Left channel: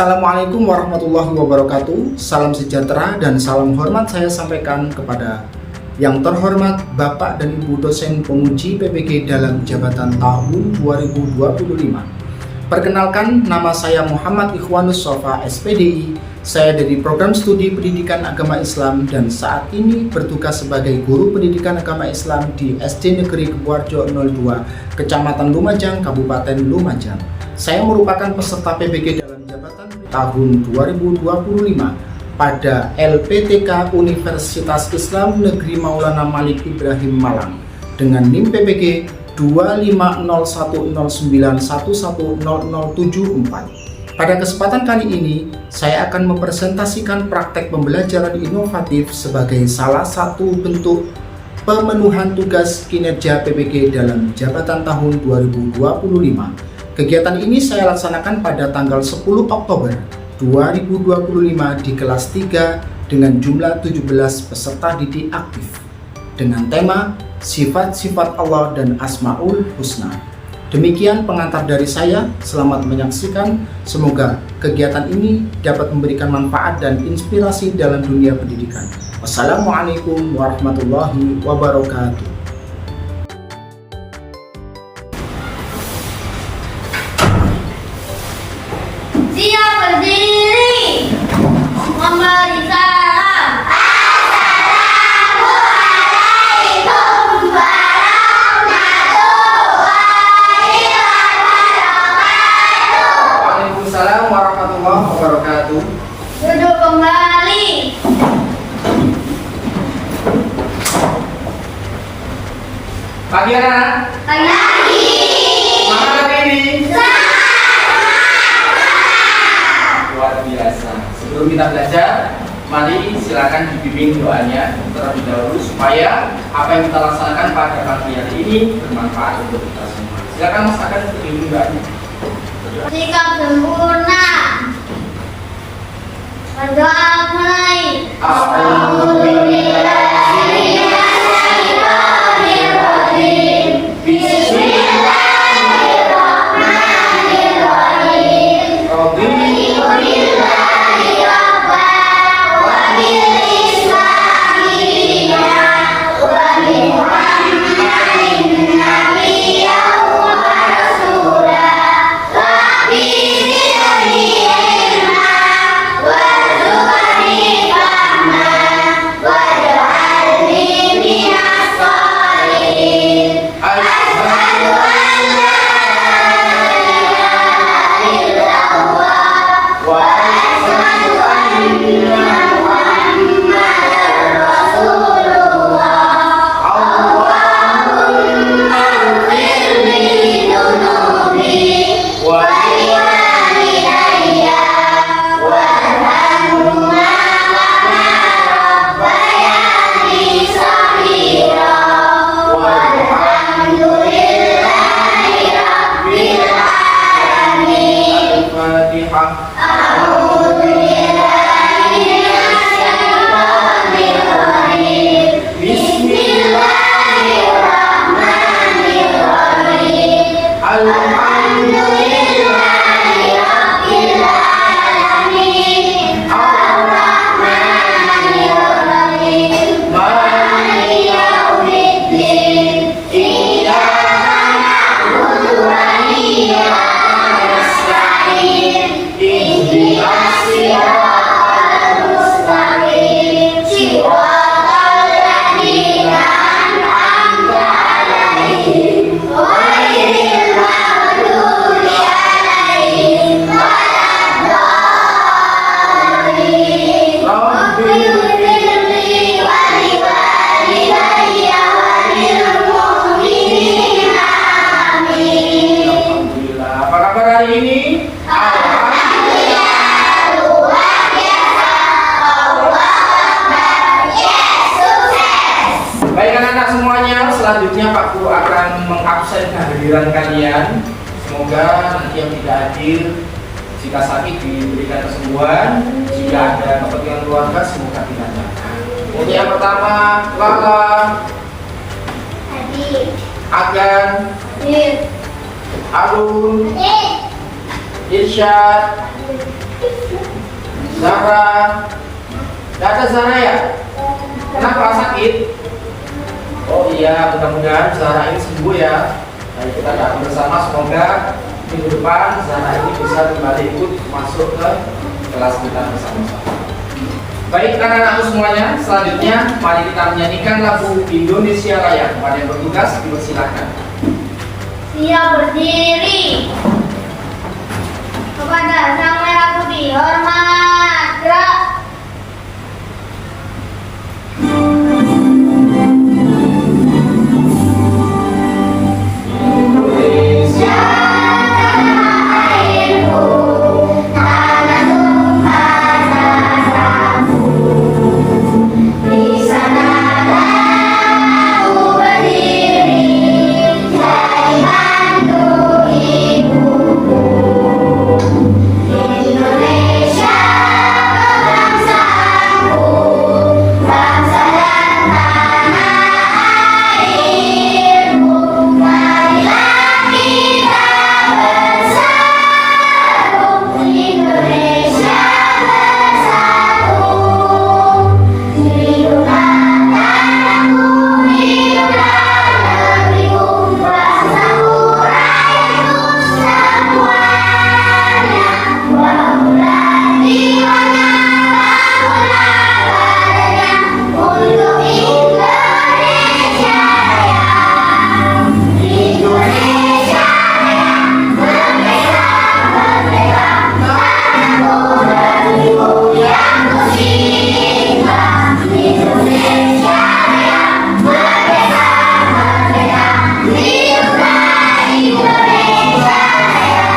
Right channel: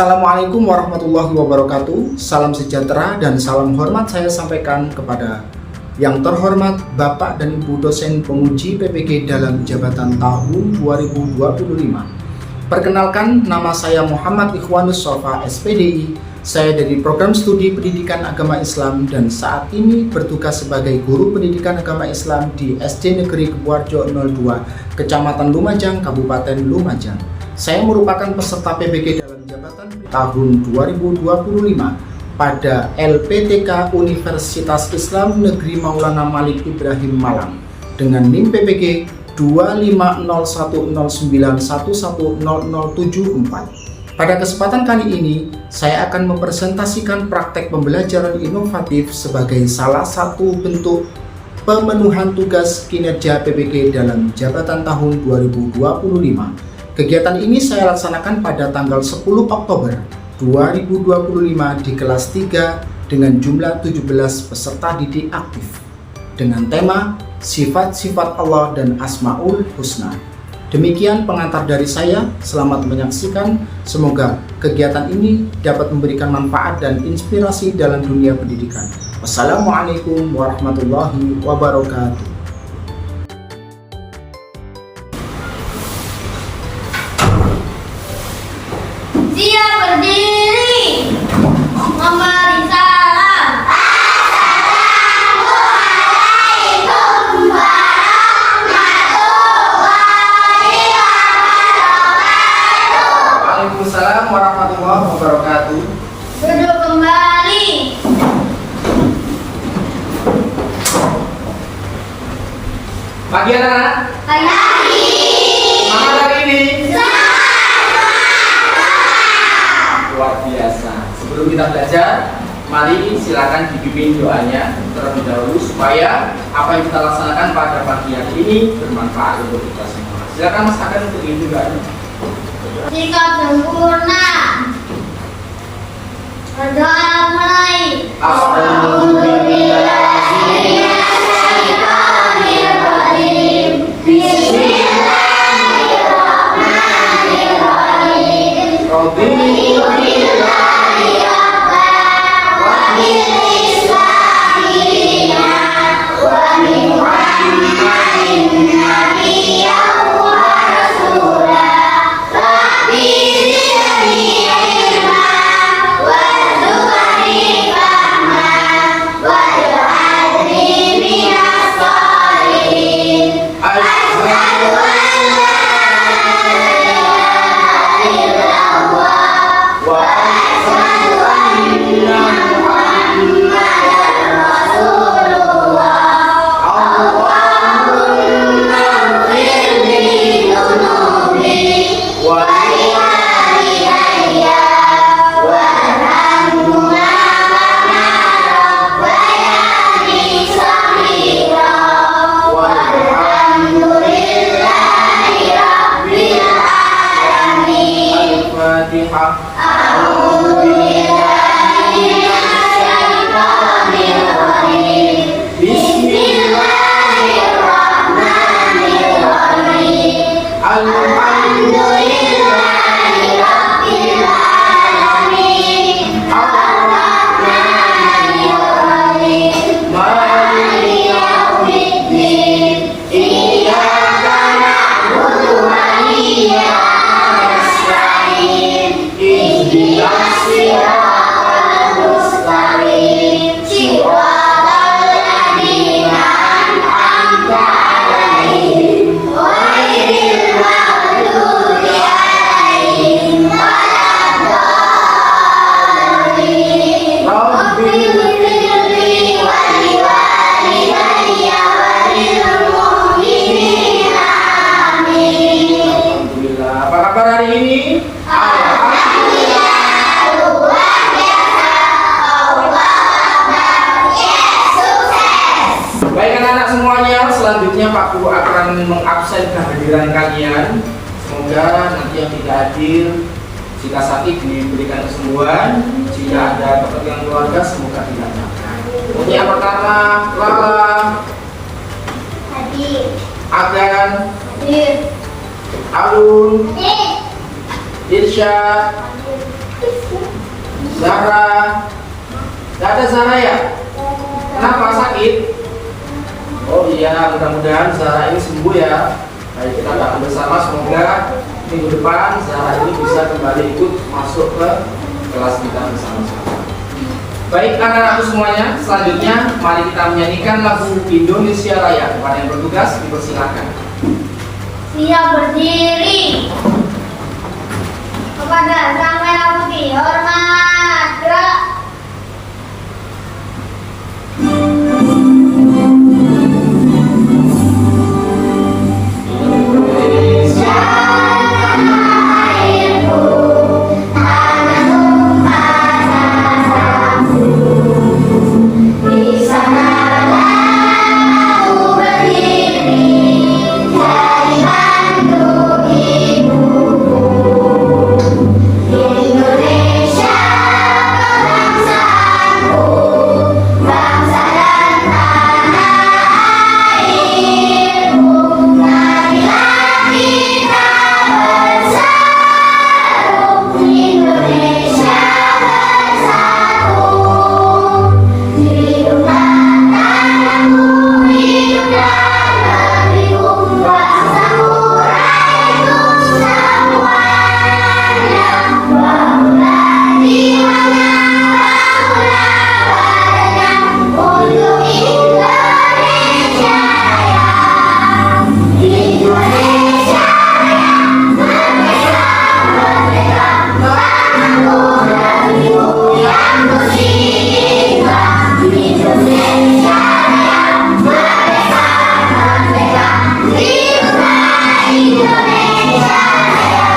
Assalamualaikum warahmatullahi wabarakatuh. Salam sejahtera dan salam hormat saya sampaikan kepada yang terhormat Bapak dan Ibu dosen penguji PPG dalam jabatan tahun 2025. Perkenalkan, nama saya Muhammad Ikhwanus Sofa SPDI. Saya dari Program Studi Pendidikan Agama Islam dan saat ini bertugas sebagai guru pendidikan agama Islam di SD Negeri Kebuarjo 02, Kecamatan Lumajang, Kabupaten Lumajang. Saya merupakan peserta PPG dalam jabatan tahun 2025 pada LPTK Universitas Islam Negeri Maulana Malik Ibrahim Malang dengan NIM PPG 2501091100074. Pada kesempatan kali ini, saya akan mempresentasikan praktek pembelajaran inovatif sebagai salah satu bentuk pemenuhan tugas kinerja PPG dalam jabatan tahun 2025. Kegiatan ini saya laksanakan pada tanggal 10 Oktober 2025 di kelas 3 dengan jumlah 17 peserta didik aktif dengan tema Sifat-sifat Allah dan Asmaul Husna. Demikian pengantar dari saya, selamat menyaksikan. Semoga kegiatan ini dapat memberikan manfaat dan inspirasi dalam dunia pendidikan. Wassalamualaikum warahmatullahi wabarakatuh. Siap berdiri, memberi salam. Assalamualaikum warahmatullahi wabarakatuh. Waalaikumsalam warahmatullahi wabarakatuh. Duduk kembali. Pagi anak-anak, Pagi. semangat hari ini. Luar biasa. Sebelum kita belajar, mari silakan dibimbing doanya terlebih dahulu supaya apa yang kita laksanakan pada pagi hari ini bermanfaat untuk kita semua. Silakan Mas Akan untuk dibimbing doanya. Sikap sempurna. Berdoa mulai. Bismillahirrahmanirrahim. Bismillahirrahmanirrahim. Raditu selanjutnya Pak Guru akan mengabsen kehadiran kalian. Semoga nanti yang tidak hadir, jika sakit diberikan kesembuhan, jika ada kepentingan keluarga semoga tidak datang. Untuk yang pertama, Lala, Hadir. Agan, Hadir. Alun, Hadir. Irsyad, Hadir. Zara. Gak ada Zara ya? Kenapa sakit? Oh iya, mudah-mudahan Zara ini sembuh ya. Baik, kita doakan bersama semoga minggu depan Zara ini bisa kembali ikut masuk ke kelas kita bersama-sama. Baik anak-anakku semuanya, selanjutnya mari kita menyanyikan lagu Indonesia Raya. Kepada yang bertugas dipersilakan. Siap berdiri. Kepada Sang Merah Putih hormat. Gerak. Indonesia tanah airku, tanah tumpah darahku. Di sanalah aku berdiri, jadi mantu ibuku. Indonesia kebangsaanku, bangsa dan tanah airku. Marilah kita bersatu, Indonesia bersatu. Hiduplah tanahku, hiduplah negeriku, bangsaku, rakyatku semuanya. Bangunlah jiwanya, bangunlah badannya untuk Indonesia Raya. Indonesia Raya, merdeka, merdeka, tanahku negeriku yang kucinta. Indonesia Raya, merdeka, merdeka, hiduplah Indonesia Raya.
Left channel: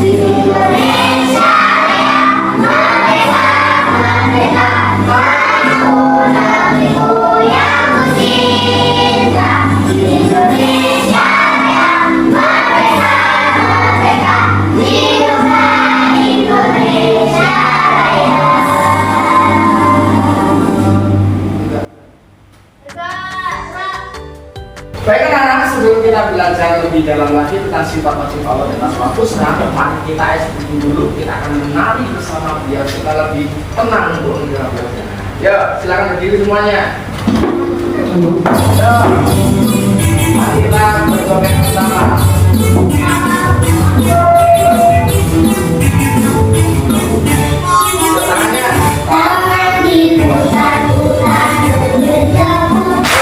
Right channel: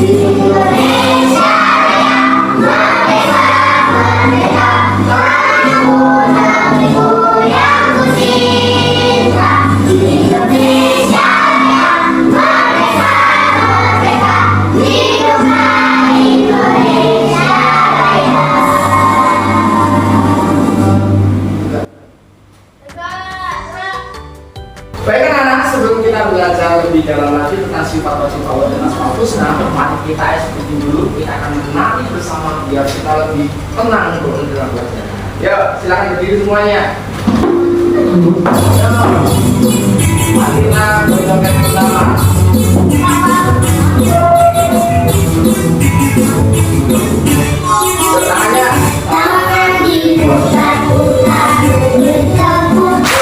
Indonesia Raya, merdeka, merdeka, tanahku negeriku yang kucinta. Indonesia Raya, merdeka, merdeka, hiduplah Indonesia Raya. Baik anak-anak, sebelum kita belajar lebih dalam lagi tentang sifat wajib Allah dan asmaul husna, mari kita SPT dulu. Kita akan menari bersama biar kita lebih tenang untuk mendengar belajar. Yuk, silakan berdiri semuanya. Yuk, mari kita berjoget bersama. Tangannya. Tangan diputar-putar, berputar-putar.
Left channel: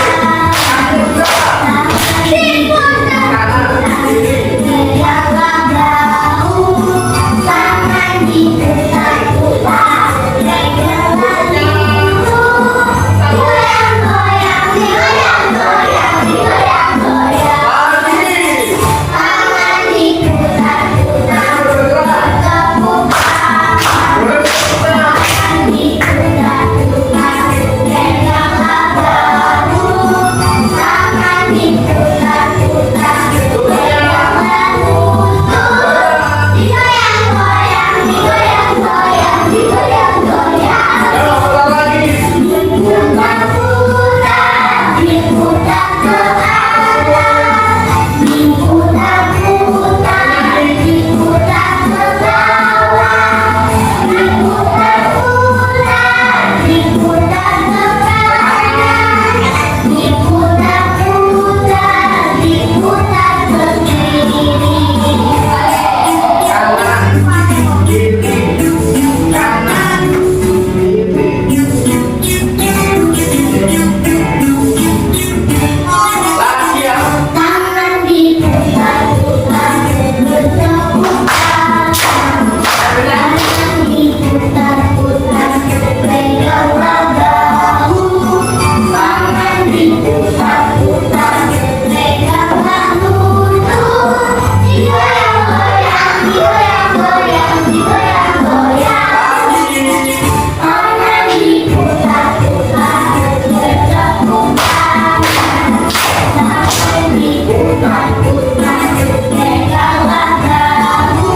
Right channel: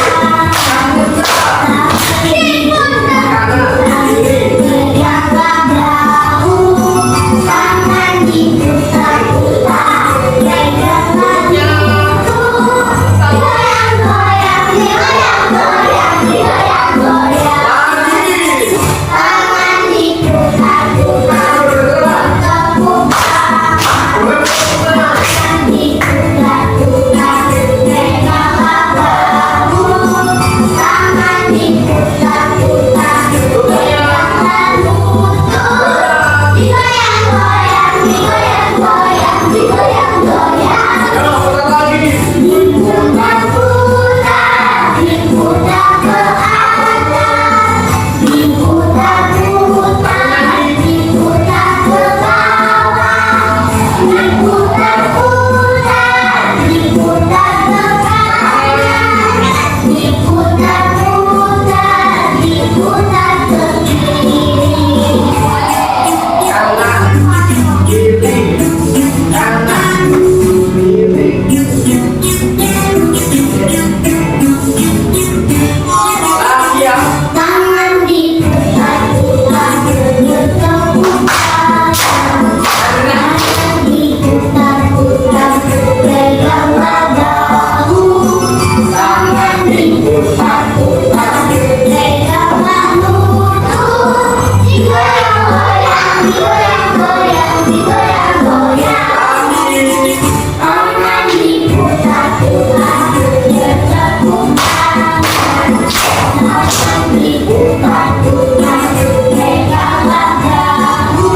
Tangan diputar-putar, tegaklah bahu. Tangan diputar-putar, tegaklah bahu. Goyang-goyang, digoyang-goyang, digoyang-goyang. Tangan diputar-putar, berputar-putar. Tangan diputar-putar, tegaklah bahu. Tangan diputar-putar, tegaklah lutut. Digoyang-goyang, digoyang-goyang, digoyang-goyang. Diputar-putar, diputar ke atas. Diputar-putar, diputar ke bawah. Diputar-putar, diputar ke kanan. Diputar-putar, diputar ke kiri. Kanan, kiri, kanan, kiri. Lagi ya. Tangan diputar-putar, berputar. Tangan diputar-putar, tegaklah bahu. Tangan diputar-putar, tegaklah lutut. Digoyang-goyang, digoyang-goyang, digoyang-goyang. Tangan diputar-putar, tegaklah tangan diputar-putar, tegaklah bahu.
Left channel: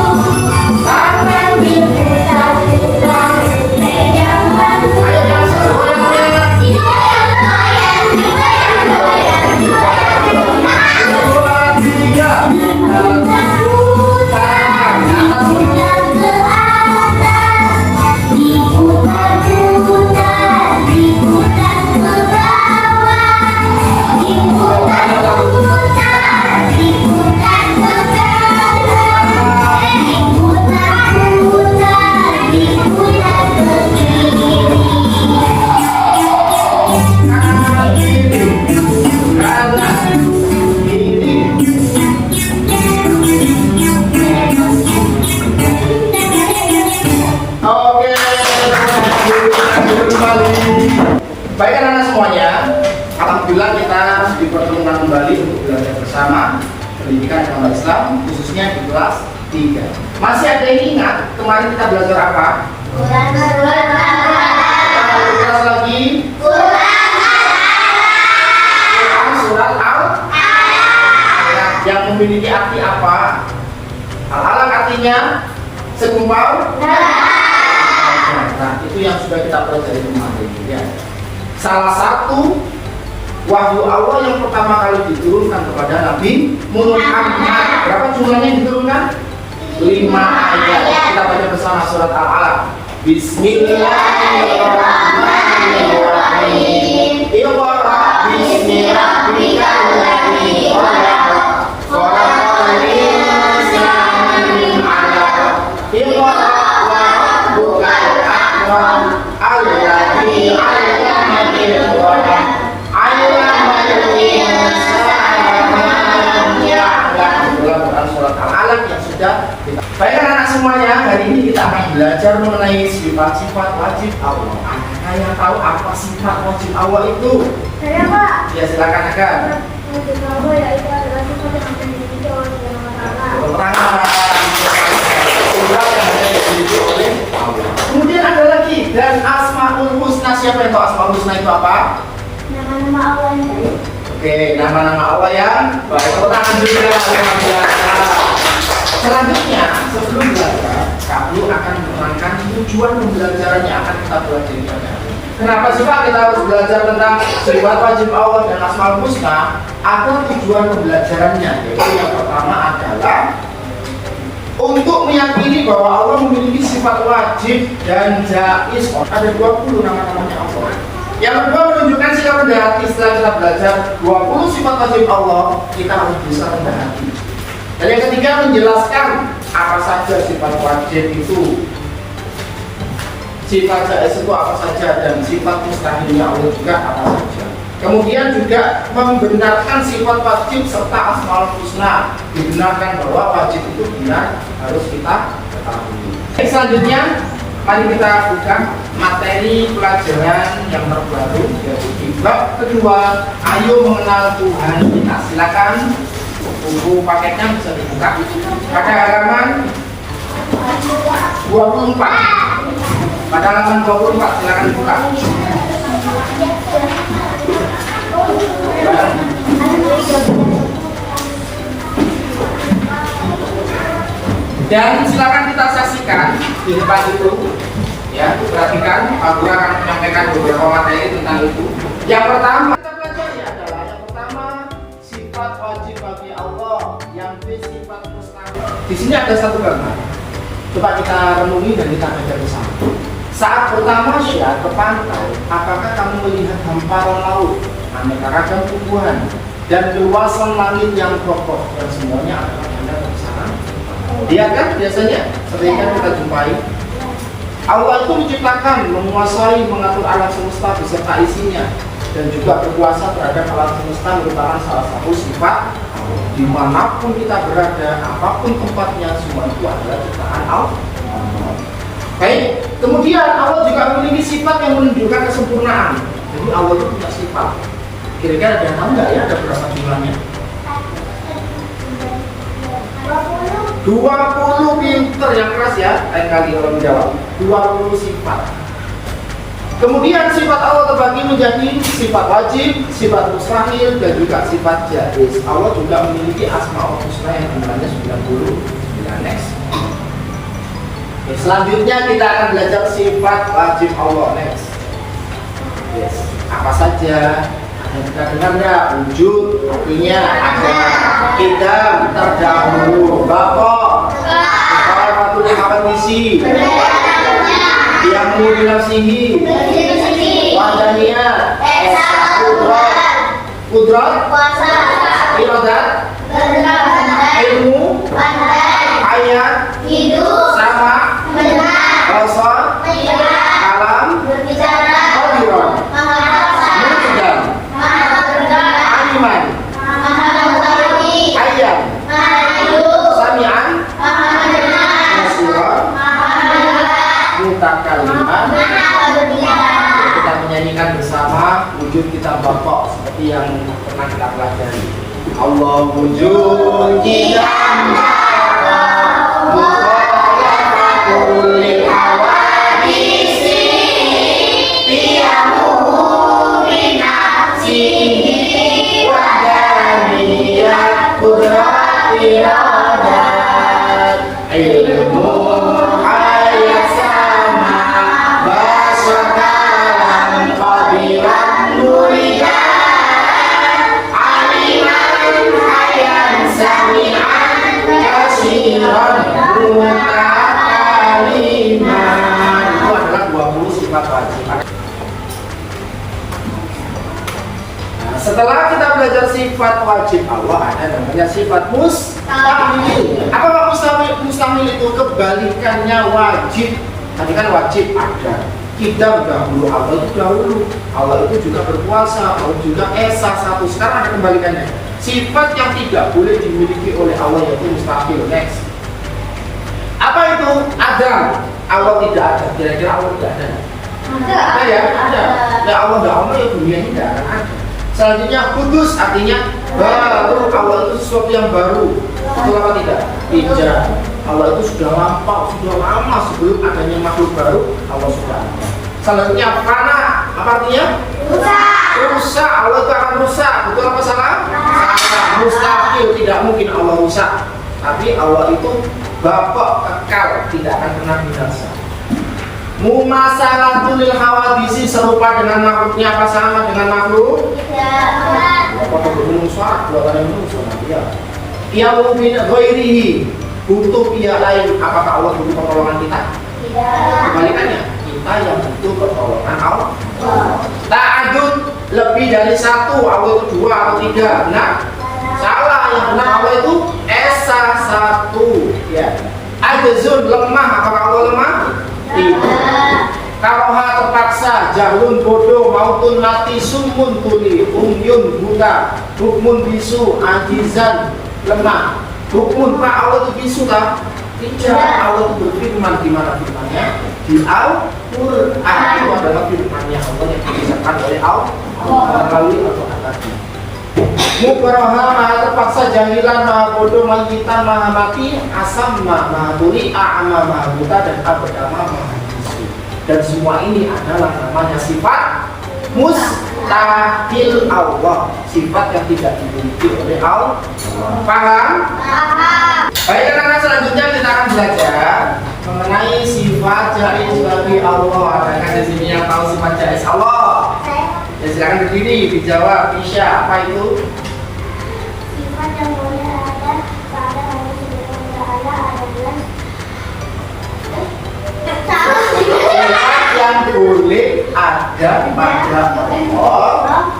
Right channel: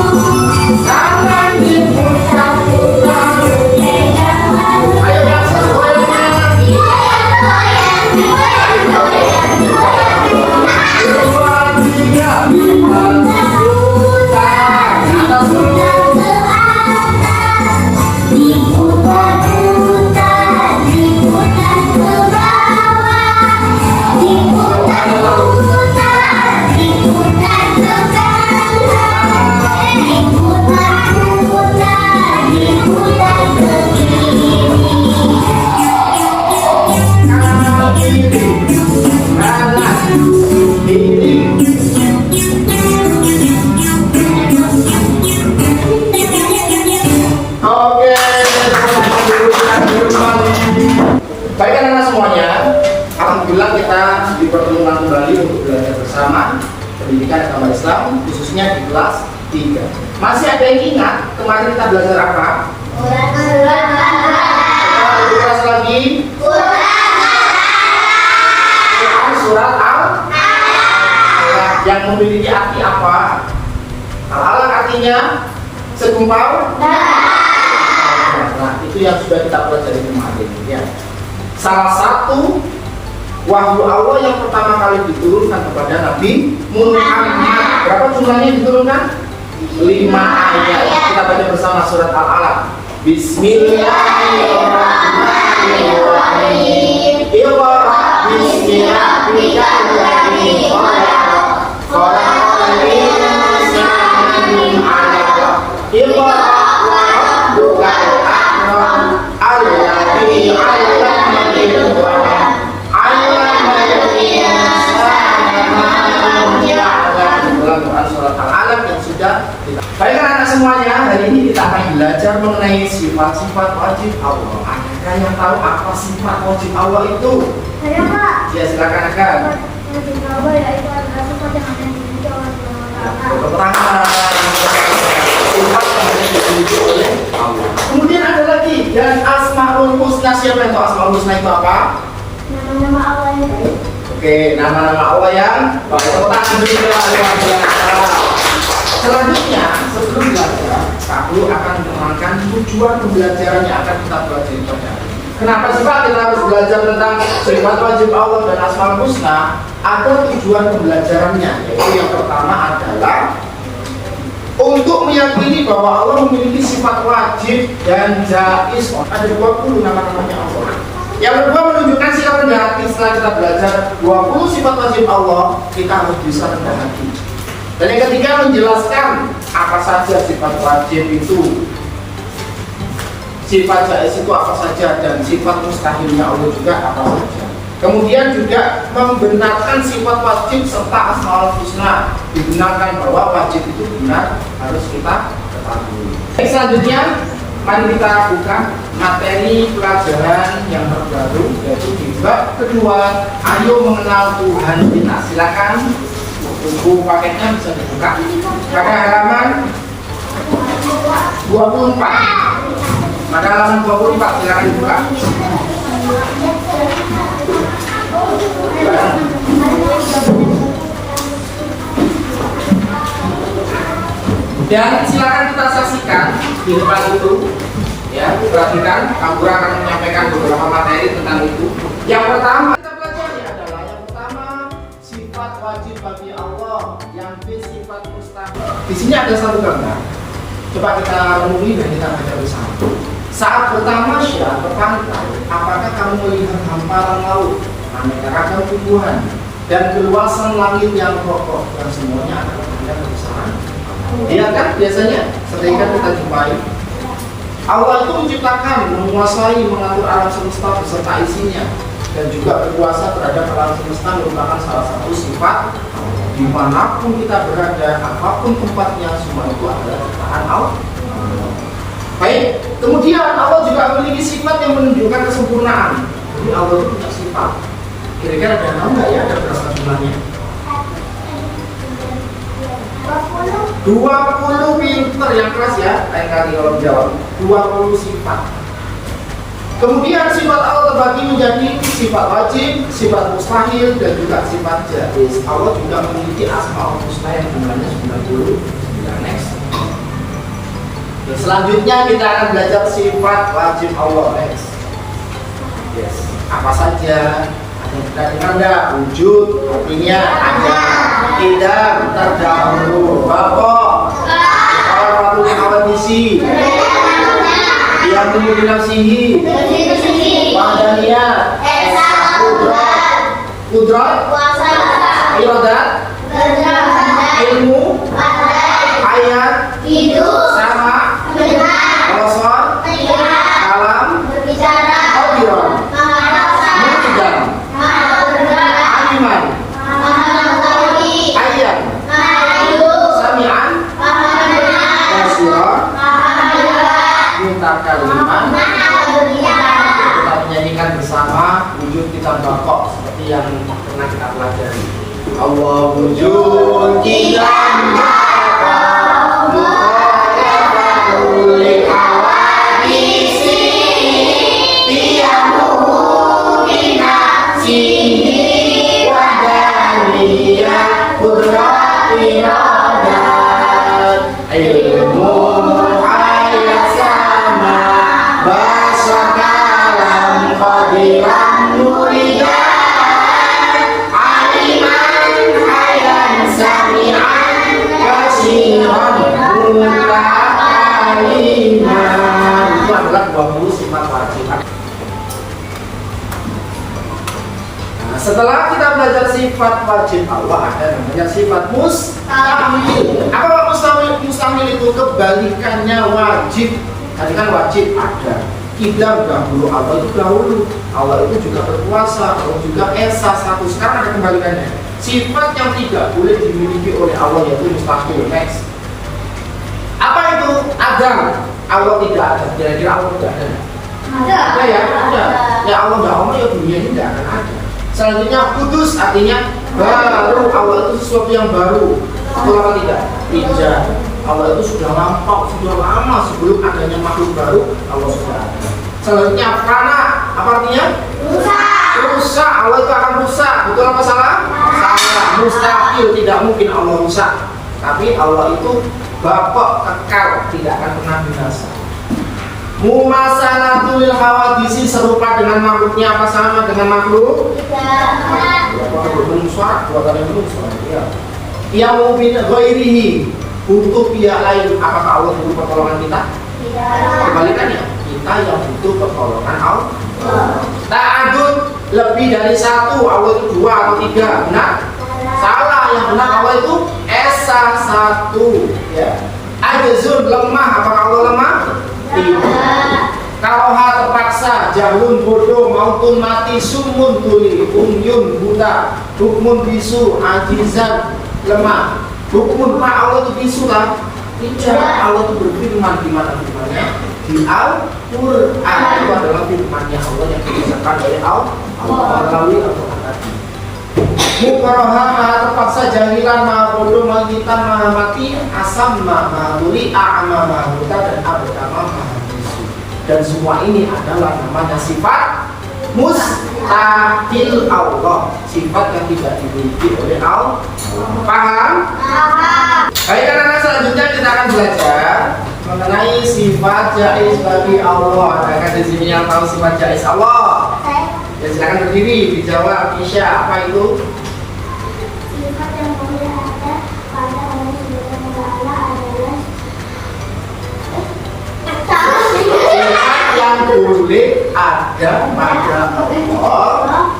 Tangan diputar-putar, tegaklah lutut. Digoyang-goyang, digoyang-goyang, digoyang-goyang. 2, 3, Diputar-putar, diputar ke atas. pendidikan agama Islam, khususnya di kelas 3. Masih ada yang ingat kemarin kita belajar apa? Kelas lagi? Quran surat Al-Alaq yang memiliki arti apa? Al-Alaq artinya segumpal. Nah, itu yang sudah kita pelajari kemarin ya. Salah satu wahyu Allah yang pertama kali diturunkan kepada Nabi Muhammad. Berapa jumlahnya diturunkan? 5 ayat. Kita baca bersama surat Al-Alaq. Bismillahirrahmanirrahim. Iqra bismi rabbikal ladzi khalaq. Khalaqal insana min 'alaq. Iqra wa rabbukal akram. Alladzi 'allama bil qalam. 'allamal insana ma lam ya'lam. Dalam Quran surat Al-Alaq yang sudah kita. Baiklah anak semuanya, hari ini kita akan belajar mengenai sifat-sifat wajib Allah. Adakah yang tahu apa sifat wajib Allah itu? Saya Pak. Ya silakan Akan. Wajib Allah yaitu adalah sifat yang akan dimiliki oleh Allah. Keterangan sifat yang hanya dimiliki oleh Allah. Kemudian ada lagi dan Asmaul Husna. Siapa yang tahu Asmaul Husna itu apa? Nama-nama Allah itu. Oke, nama-nama Allah yang keterangan juga luar biasa. Selanjutnya, sebelum belajar, Kak akan menerangkan tujuan pembelajaran yang akan kita pelajari pada hari ini. Kenapa sih Pak kita harus belajar tentang sifat wajib Allah dan Asmaul Husna? Ada tujuan pembelajarannya, yaitu yang pertama adalah untuk meyakini bahwa Allah memiliki sifat wajib dan jaiz. Ada 20 nama-namanya Allah. Yang kedua menunjukkan sikap rendah hati. Setelah kita belajar 20 sifat wajib Allah, kita harus bisa rendah hati. Dan yang ketiga menjelaskan apa saja sifat wajib itu, sifat jaiz itu apa saja, dan sifat mustahilnya Allah juga apa saja. Kemudian juga membenarkan sifat wajib serta Asmaul Husna. Dibenarkan bahwa wajib itu benar, harus kita ketahui. Selanjutnya mari kita buka materi pelajaran yang terbaru, yaitu di bab kedua, ayo mengenal Tuhan kita. Silakan buku paketnya bisa dibuka pada halaman 24. Pada halaman 24 silakan dibuka. Dan silakan kita saksikan di depan itu, ya, perhatikan. Aku akan menyampaikan beberapa materi tentang itu. Yang pertama kita pelajari adalah yang pertama sifat wajib bagi Allah, yang B sifat mustahil. Di sini ada satu gambar. Coba kita renungi dan kita baca bersama. Saat pertama syah ke pantai, apakah kamu melihat hamparan laut, aneka ragam tumbuhan, dan keluasan langit yang kokoh, dan semuanya adalah tanda kebesaran? Iya kan? Biasanya sering kan kita jumpai. Allah itu menciptakan, menguasai, mengatur alam semesta beserta isinya, dan juga berkuasa terhadap alam semesta merupakan salah satu sifat. Dimanapun kita berada, apapun tempatnya, semua itu adalah ciptaan Allah. Baik, kemudian Allah juga memiliki sifat yang menunjukkan kesempurnaan. Jadi Allah itu punya sifat. Kira-kira ada tahu nggak ya ada berapa jumlahnya? 20, pinter yang keras ya, lain kali kalau menjawab. 20 sifat. Kemudian sifat Allah terbagi menjadi sifat wajib, sifat mustahil, dan juga sifat jaiz. Allah juga memiliki Asmaul Husna yang jumlahnya 99. Next. Oke, selanjutnya kita akan belajar sifat wajib Allah. Next. Yes. Apa saja? Kita dengar nggak? Wujud, artinya ada. Idam, terdahulu. Bapak, kalau patut misi. Yang menyuruh nafsihi. Wadaniyat. Kudrat. Iradat. Ilmu. Ayat. Sama. Rasul. Kalam. Qadiran. Muqaddam. Aliman. Ayat. Sami'an. Basira. Mutakalliman. Kita menyanyikan bersama wujud kita Bapak seperti yang pernah kita pelajari. Allah wujud iradat, ilmu ayat sama, bahasa kalam qadiran muridan, aliman ayat sami'an kasiran mutakaliman. Itu adalah 20 sifat wajib. Setelah kita belajar sifat wajib Allah, ada namanya sifat mustahil. Apa mustahil? Mustahil itu kebalikannya wajib. Tadi kan wajib ada. Kita dahulu, Allah itu dahulu. Allah itu juga berkuasa, Allah juga esa satu. Sekarang ada kebalikannya. Sifat yang tidak boleh dimiliki oleh Allah yaitu mustahil. Next. Apa itu? Ada. Allah tidak ada. Kira-kira Allah tidak ada? Ada ya? Ada. Ya Allah tidak ada, ya dunia ini tidak akan ada. Selanjutnya kudus, artinya baru. Allah itu sesuatu yang baru. Betul apa tidak? Tidak. Allah itu sudah lampau, sudah lama sebelum adanya makhluk baru. Allah sudah ada. Selanjutnya fana, apa artinya? Rusak. Allah itu akan rusak. Betul apa salah? Salah. Mustahil, tidak mungkin Allah rusak. Tapi Allah itu bapak kekal, tidak akan pernah binasa. Mumasalatul hawadisi, serupa dengan makhluknya apa sama dengan makhluk? Tidak. Apa berbunyi suara? Dua kali berbunyi suara. Iya. Ia mungkin ghairihi, butuh pihak lain. Apakah Allah butuh pertolongan kita? Tidak. Kebalikannya, kita yang butuh pertolongan Allah. Ta'adud, lebih dari satu. Allah itu dua atau tiga. Benar? Salah. Yang benar Allah itu esa satu. Ya. Ajazun, lemah. Apakah Allah lemah? Tidak. Karoha, terpaksa, jahun, bodoh, mautun, mati, sumun, tuli, umyun, buta, hukmun, bisu, ajizan, lemah. Hukmun, Pak, Allah itu bisu kan? Tidak. Allah itu berfirman. Di mana firmannya? Di Al-Quran. Itu adalah firmannya Allah yang dibisarkan oleh Allah melalui Al-Quran tadi. Mukroha, maha terpaksa, jahilan, maha bodoh, mahitan, maha mati, asam, maha tuli, a'ma, maha buta, dan abdama, maha bisu. Dan semua ini adalah namanya sifat mustahil Allah, sifat yang tidak dimiliki oleh Allah. Paham? Baik, karena selanjutnya kita akan belajar mengenai sifat jaiz bagi Allah. Adakah di sini yang tahu sifat jaiz Allah? Ya, silakan berdiri, dijawab. Isya, apa itu? Sifat yang boleh ada pada manusia Allah adalah Sifat yang boleh ada pada Allah.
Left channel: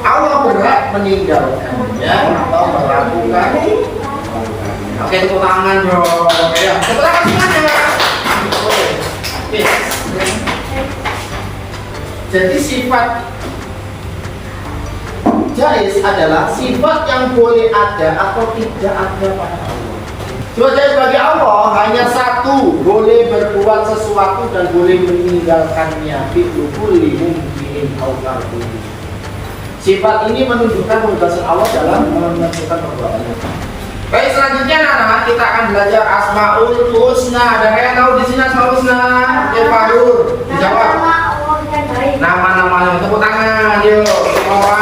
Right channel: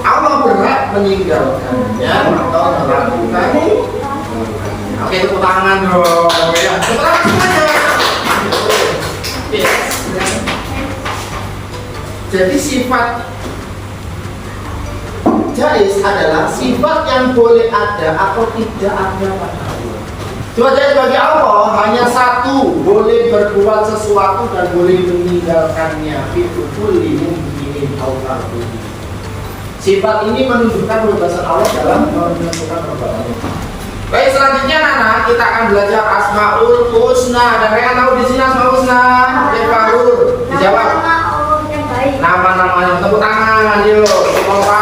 Allah berat meninggalkannya atau melakukan. Oke, tepuk tangan dong. Oke, ya. Tepuk tangan semuanya. Oke. Jadi sifat jaiz adalah sifat yang boleh ada atau tidak ada pada Allah. Sifat jaiz bagi Allah hanya satu, boleh berbuat sesuatu dan boleh meninggalkannya. Fi'lu kulli mumkinin Allah. Sifat ini menunjukkan kebebasan Allah dalam menentukan perbuatannya. Baik, selanjutnya Nana, kita akan belajar Asmaul Husna. Ada yang tahu di sini Asmaul Husna? Farul, dijawab. Nama-nama yang tepuk tangan, yuk, semua.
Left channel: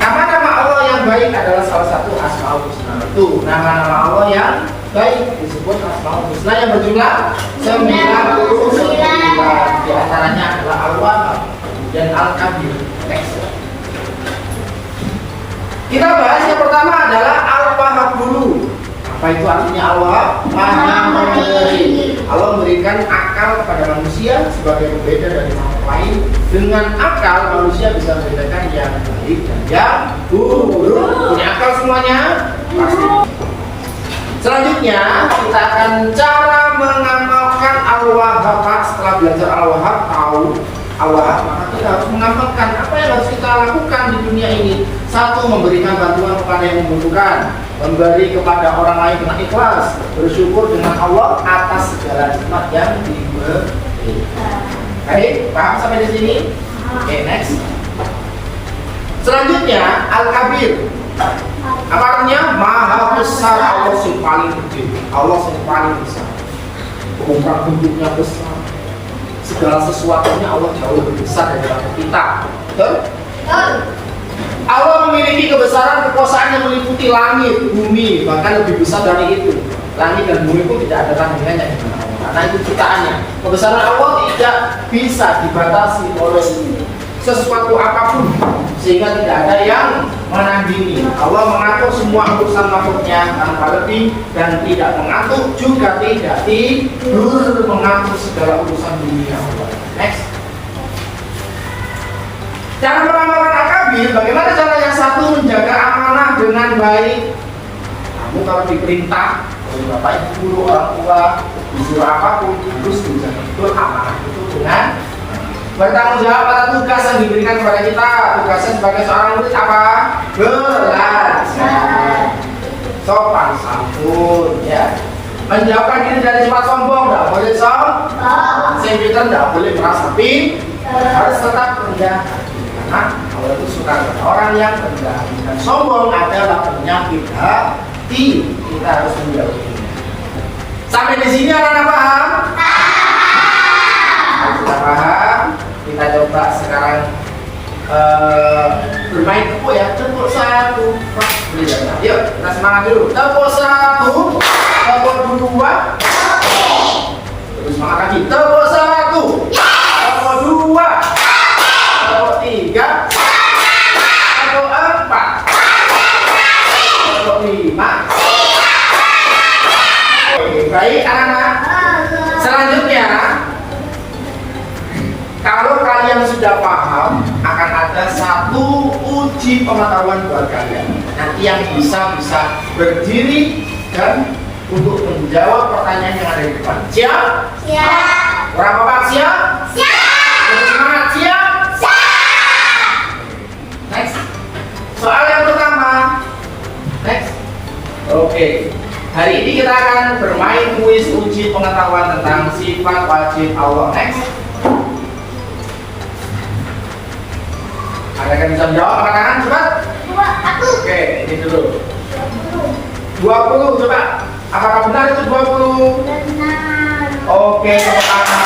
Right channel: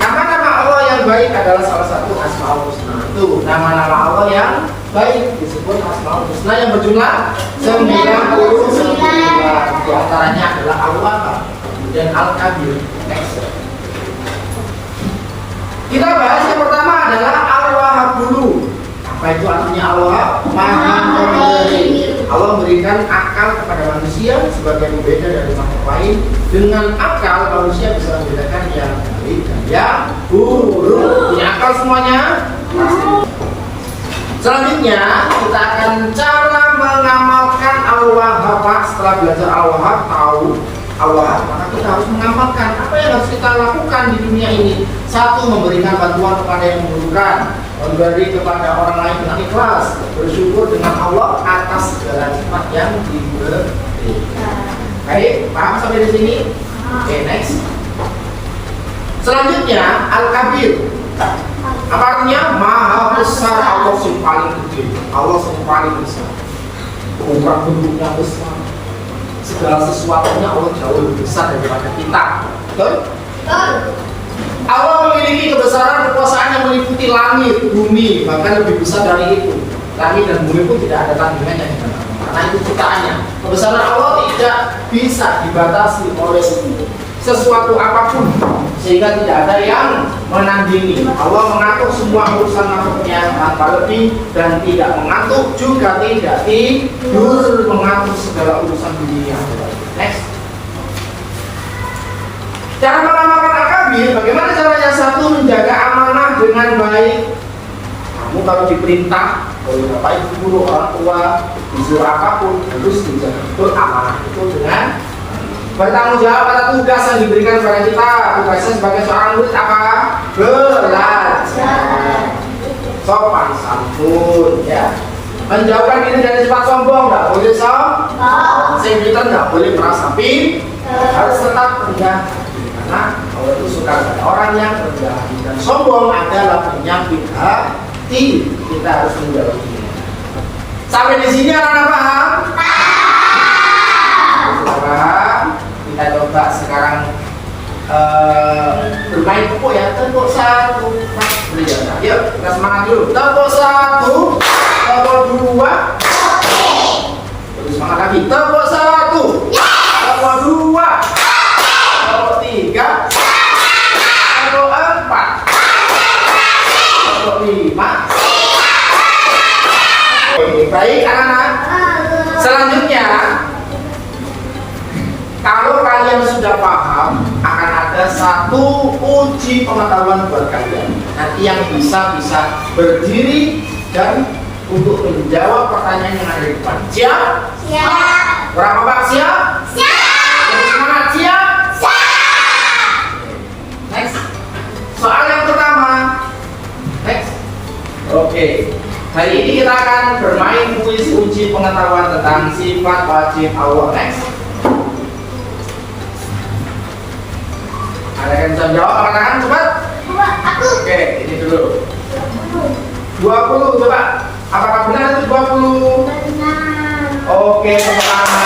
Nama-nama Allah yang baik adalah salah satu Asmaul Husna. Itu nama-nama Allah yang baik disebut Asmaul Husna yang berjumlah 99. Di antaranya adalah Al-Wahhab dan Al-Kabir. Next. Kita bahas yang pertama adalah Al-Wahhab dulu. Apa itu artinya Allah? Maha memberi. Allah memberikan akal kepada manusia sebagai pembeda dari makhluk lain. Dengan akal manusia bisa membedakan yang baik dan yang buruk. Punya akal semuanya? Pasti. Selanjutnya kita akan cara mengamalkan Al-Wahhab. Setelah belajar Al-Wahhab, tahu Allah, maka kita harus mengamalkan apa yang harus kita lakukan di dunia ini. Satu, memberikan bantuan kepada yang membutuhkan, memberi kepada orang lain dengan ikhlas, bersyukur dengan Allah atas segala nikmat yang diberi. Baik, paham sampai di sini? Oke, next. Selanjutnya Al-Kabir. Apa artinya? Maha besar. Allah yang paling gede, Allah yang paling besar. Ukuran bentuknya besar, segala sesuatunya Allah jauh lebih besar daripada kita. Betul? Allah memiliki kebesaran kekuasaan yang meliputi langit, bumi, bahkan lebih besar dari itu. Langit dan bumi pun tidak ada tandingannya di mana-mana. Karena itu ciptaannya. Kebesaran Allah tidak bisa dibatasi oleh sesuatu apapun, sehingga tidak ada yang menandingi. Allah mengatur semua urusan makhluknya tanpa lebih dan tidak mengatur juga tidak tidur mengatur segala urusan dunia. Next. Cara mengamalkan akabir, bagaimana caranya? Satu, menjaga amanah dengan baik. Kamu kalau diperintah oleh bapak ibu guru, orang tua, disuruh apapun, harus dijaga betul amanah itu dengan bertanggung jawab atas tugas yang diberikan kepada kita. Tugasnya sebagai seorang murid apa? Belajar. Sopan santun, ya. Menjauhkan diri dari sifat sombong, tidak boleh sombong. Sempitan tidak boleh merasa harus tetap rendah. Karena Allah itu suka dengan orang yang rendah hati, dan sombong adalah penyakit hati. Kita harus menjauhinya. Sampai di sini anak-anak paham? Sudah paham? Kita coba sekarang bermain tepuk ya. Tepuk satu. Boleh ya? Yuk kita semangat dulu. Tepuk satu, tepuk dua. Terus semangat lagi. Tepuk satu, tepuk dua. Tiga, atau empat, atau lima. Baik anak-anak. Selanjutnya, kalau kalian sudah paham, akan ada satu uji pengetahuan buat kalian. Nanti yang bisa berdiri dan untuk menjawab pertanyaan yang ada di depan. Siap? Siap. Orang kompak siap? Siap. Semangat siap? Next. Soal yang pertama. Next. Oke. Hari ini kita akan bermain kuis uji pengetahuan tentang sifat wajib Allah. Next. Ada yang bisa menjawab? Angkat tangan cepat. Oke, ini dulu. 20 coba. Apakah benar itu 20? Benar. Oke, pertama.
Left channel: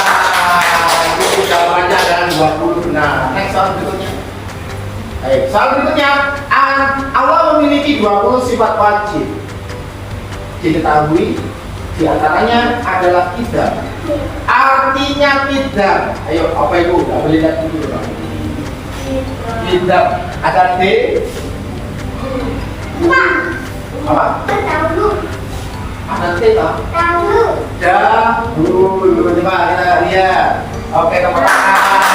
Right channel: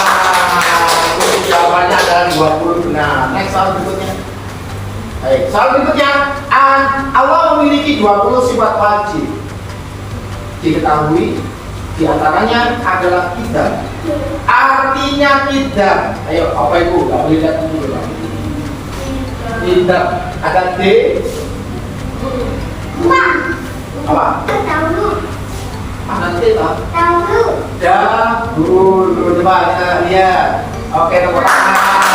Itu jawabannya adalah 20 benar. Next soal berikutnya. Baik, soal berikutnya, Allah memiliki 20 sifat wajib. Diketahui diantaranya adalah qidam. Artinya qidam. Ayo, apa ibu? Gak boleh lihat dulu dong. Qidam. Ada D. Apa? Dahulu. Ada T toh? Dahulu. Dahulu. Coba kita lihat. Oke, tepuk tangan.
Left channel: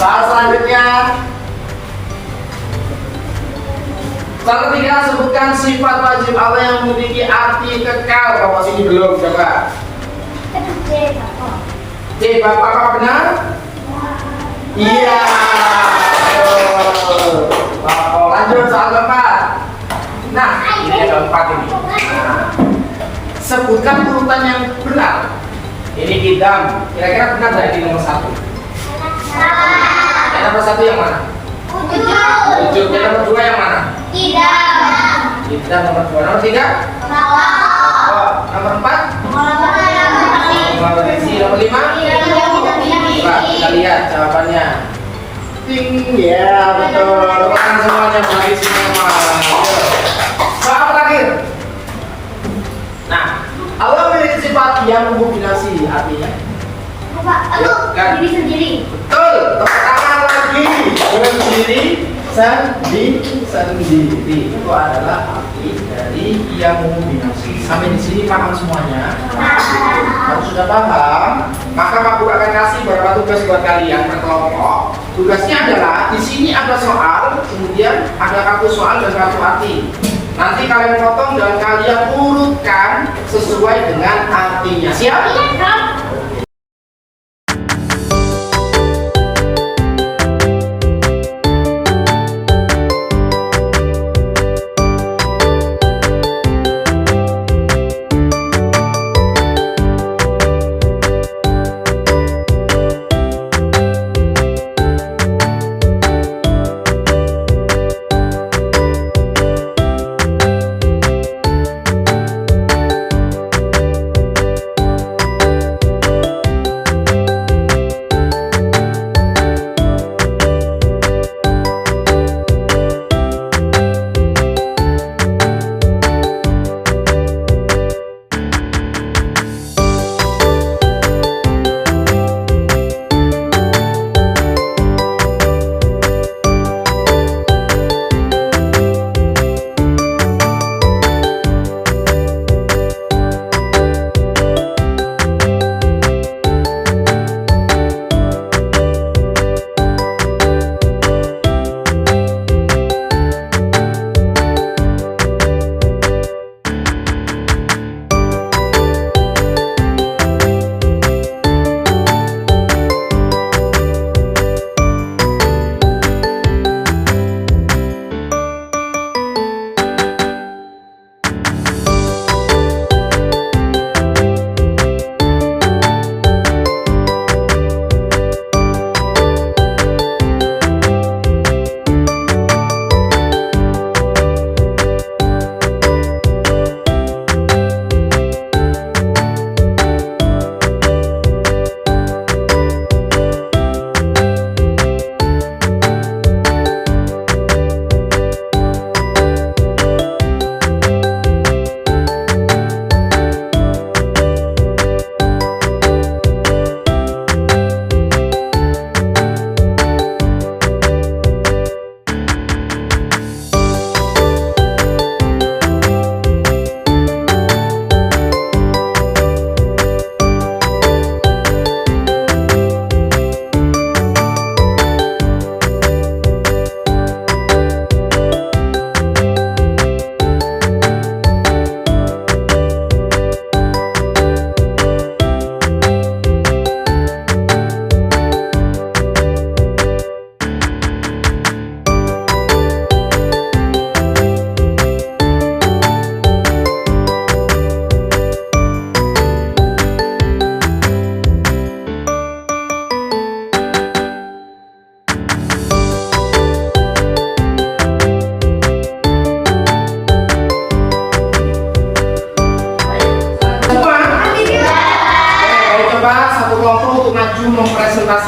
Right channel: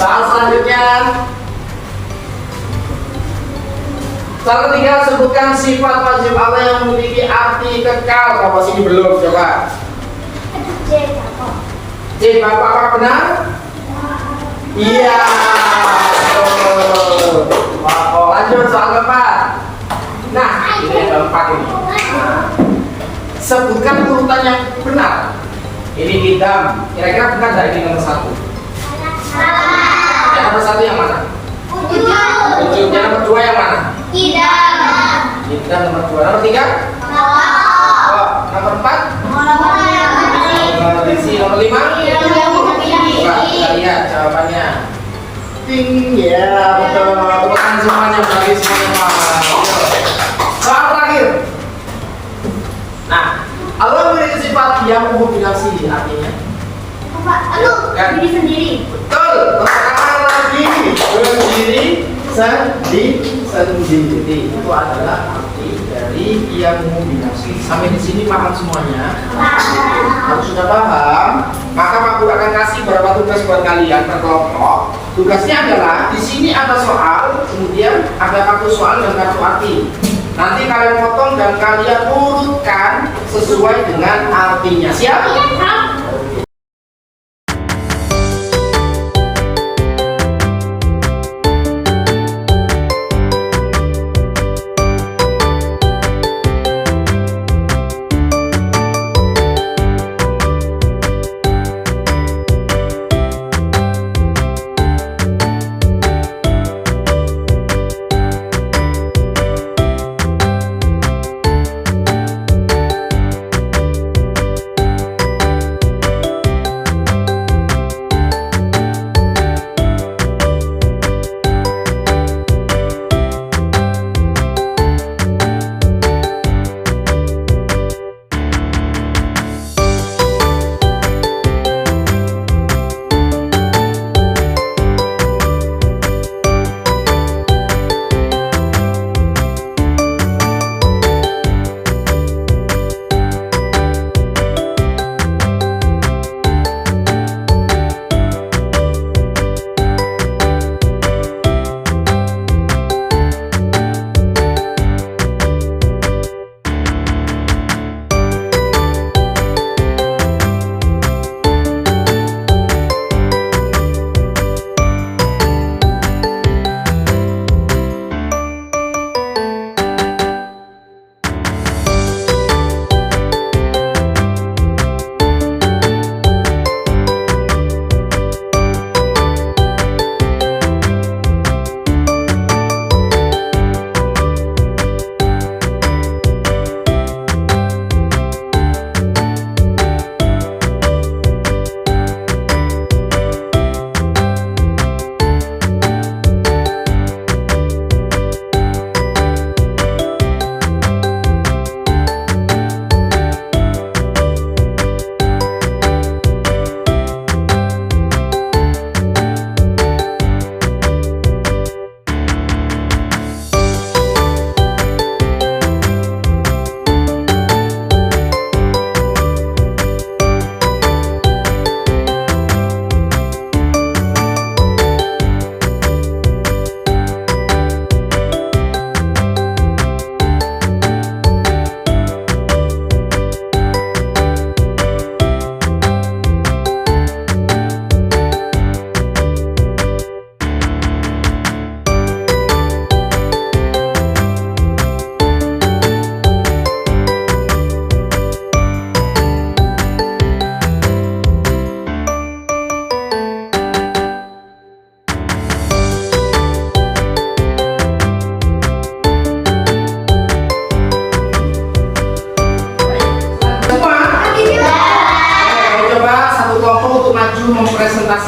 Soal selanjutnya. Soal ketiga, sebutkan sifat wajib Allah yang memiliki arti kekal. Bapak sini belum, coba. C, Bapak apakah benar? Iya. Oh, lanjut soal keempat. Nah, ini yang keempat ini. Nah, sebutkan urutan yang benar. Ini qidam. Kira-kira benar nggak ini nomor 1? Yang nomor 1 yang mana? Wujud. Yang nomor 2 yang mana? Qidam nomor 2. Nomor 3? Oh, nomor 4? Nomor 5? Coba kita lihat jawabannya. Ting, ya betul. Teman semuanya bagi semua. Soal terakhir. Nah, Allah memiliki sifat yang mendominasi, artinya Diri sendiri. betul. Pertama lagi berdiri sendiri. Itu adalah arti dari yang mendominasi. Sampai di sini paham semuanya? Kalau sudah paham, maka Pak Guru akan kasih beberapa tugas buat kalian per kelompok. Tugasnya adalah di sini ada soal, kemudian ada kartu soal dan kartu arti. Nanti kalian potong dan kalian urutkan sesuai dengan artinya. Siap?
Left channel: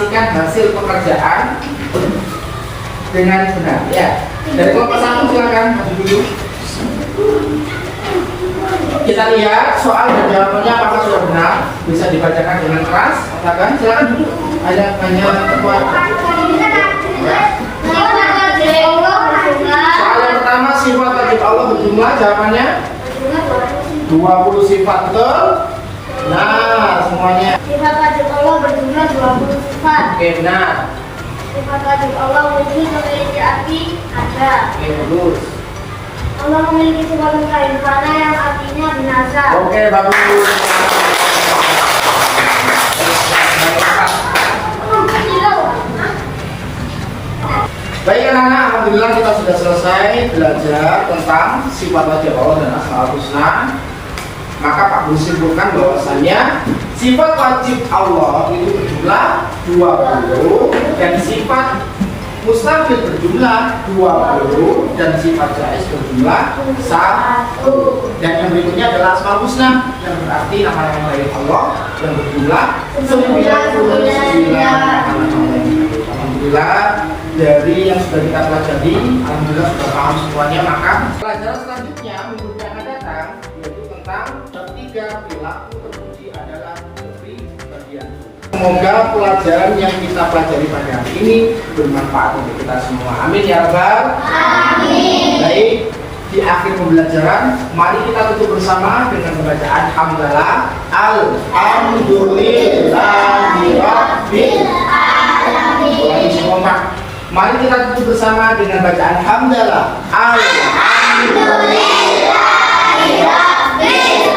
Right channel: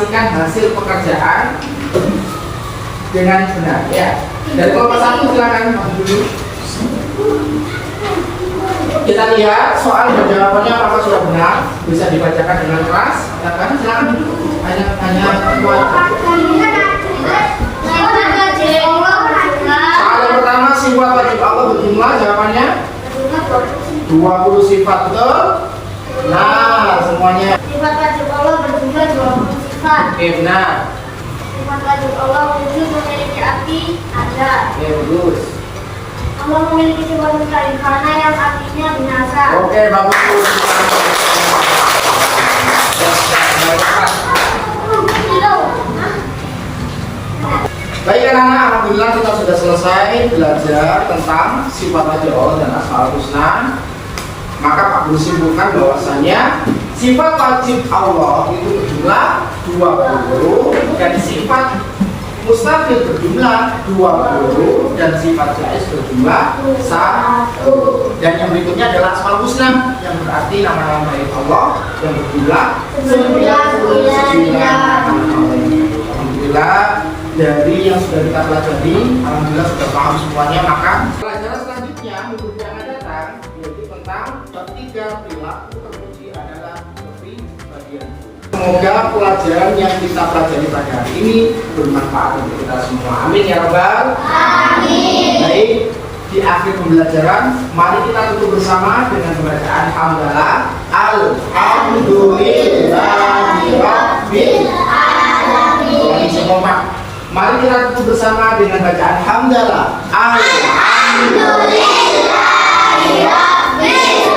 menarasikan hasil pekerjaan dengan benar. Ya. Dari kelompok 1 silakan maju dulu. Kita lihat soal dan jawabannya apakah sudah benar. Bisa dibacakan dengan keras. Katakan silakan duduk. Hanya soal yang pertama, sifat wajib Allah berjumlah, jawabannya 20 sifat, betul? Nah, semuanya. Sifat wajib Allah berjumlah 20 sifat. Oke, benar. Sifat wajib Allah wujud memiliki arti ada. Oke, bagus. Allah memiliki sifat karena yang artinya binasa. Oke, bagus. Baik anak-anak, alhamdulillah kita sudah selesai belajar tentang sifat wajib Allah dan asmaul husna. Maka Pak Guru simpulkan bahwasanya sifat wajib Allah itu berjumlah 20 dan sifat mustaqil berjumlah 20 dan sifat jaiz berjumlah 1. Dan yang berikutnya adalah asmaul husna yang berarti nama-nama baik Allah yang berjumlah 99 Alhamdulillah. Dari yang sudah kita pelajari, alhamdulillah sudah paham semuanya. Maka pelajaran selanjutnya minggu yang akan datang yaitu tentang bab 3 perilaku terpuji adalah kepribadian. Semoga pelajaran yang kita pelajari pada hari ini bermanfaat untuk kita semua. Amin ya rabbal alamin. Baik, di akhir pembelajaran mari kita tutup bersama dengan bacaan hamdalah. Alhamdulillahi rabbil alamin. Ulangi kompak. Mari kita tutup bersama dengan bacaan hamdalah. Alhamdulillahi rabbil alamin.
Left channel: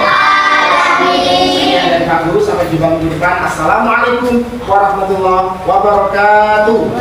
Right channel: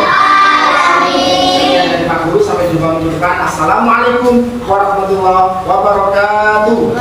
Sekian dari Pak Guru, sampai jumpa menunjukkan. Assalamualaikum warahmatullahi wabarakatuh.